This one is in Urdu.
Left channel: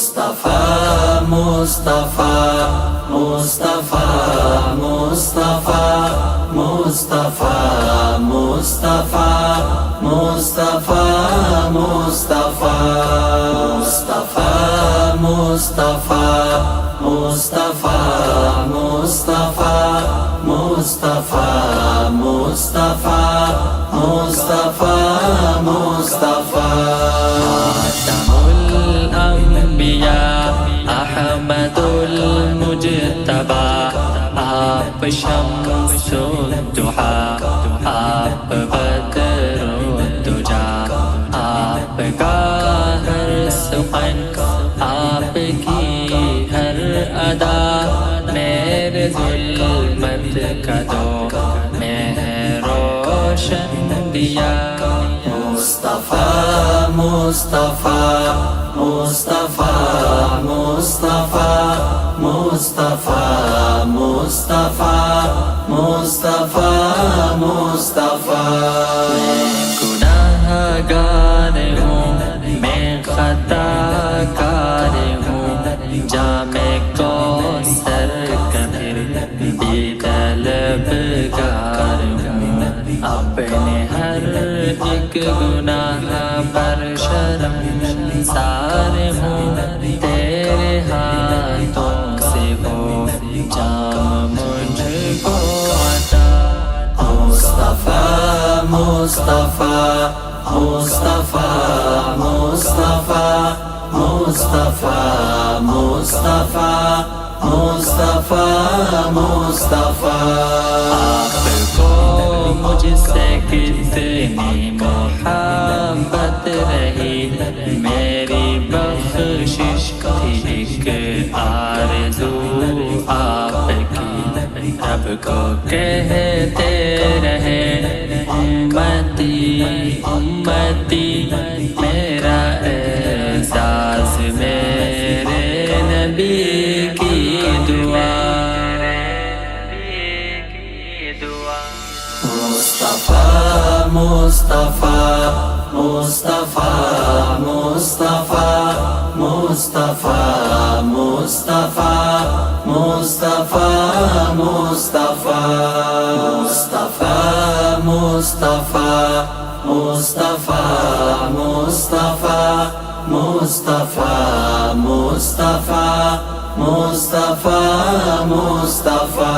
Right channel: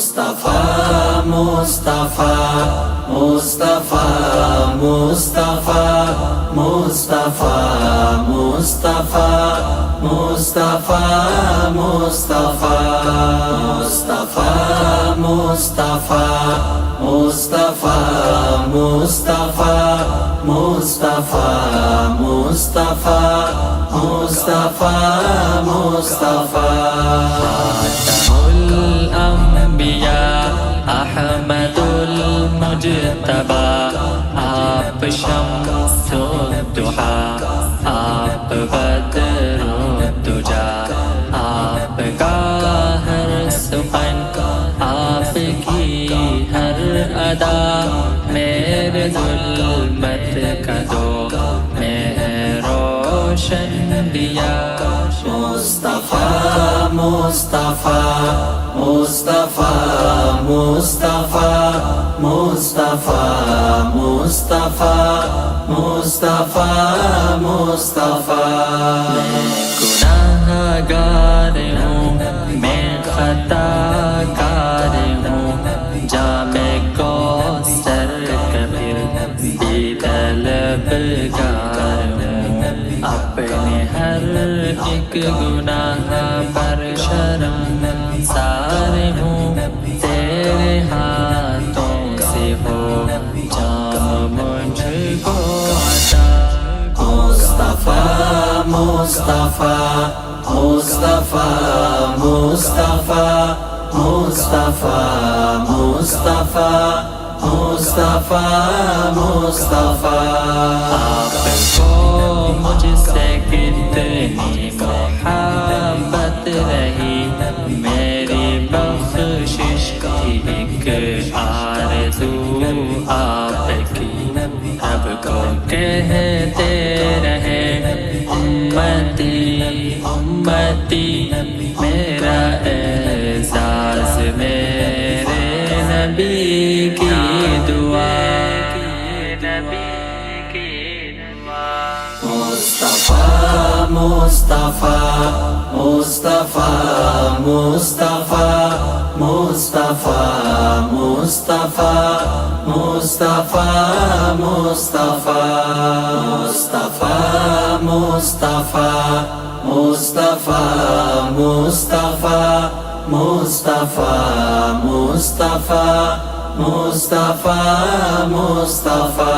مصطفیٰ مصطفیٰ مصطفیٰ مصطفیٰ مصطفیٰ مصطفیٰ مصطفیٰ مصطفیٰ مصطفیٰ مصطفیٰ مصطفیٰ مصطفیٰ مصطفیٰ مصطفیٰ خاتم الانبیاء احمد المجتبی آپ شمس الضحیٰ آپ بدر الدجیٰ آپ کا ہر سخن آپ کی ہر ادا میرے ظلمت کا دو میں ہے روشن دیا مصطفیٰ مصطفیٰ مصطفیٰ مصطفیٰ مصطفیٰ مصطفیٰ مصطفیٰ مصطفیٰ میں گناہ گار ہوں میں خطا کار ہوں جام کوثر کا پھر بھی طلبگار ہوں اپنے ہر ایک گناہ پر شرمسار ہوں تیرے ہاتھوں سے ہو جام مجھ کو عطا مصطفیٰ مصطفیٰ مصطفیٰ مصطفیٰ مصطفیٰ مصطفیٰ مصطفیٰ مصطفیٰ آپ کو مجھ سے کتنی محبت رہی میری بخشش تھی ایک آرزو آپ کی رب کو کہتے رہے امتی امتی میرا اعزاز میرے نبی کی دعا مصطفیٰ مصطفیٰ مصطفیٰ مصطفیٰ مصطفیٰ مصطفیٰ مصطفیٰ مصطفیٰ مصطفیٰ مصطفیٰ مصطفیٰ مصطفیٰ مصطفیٰ مصطفیٰ مصطفیٰ مصطفیٰ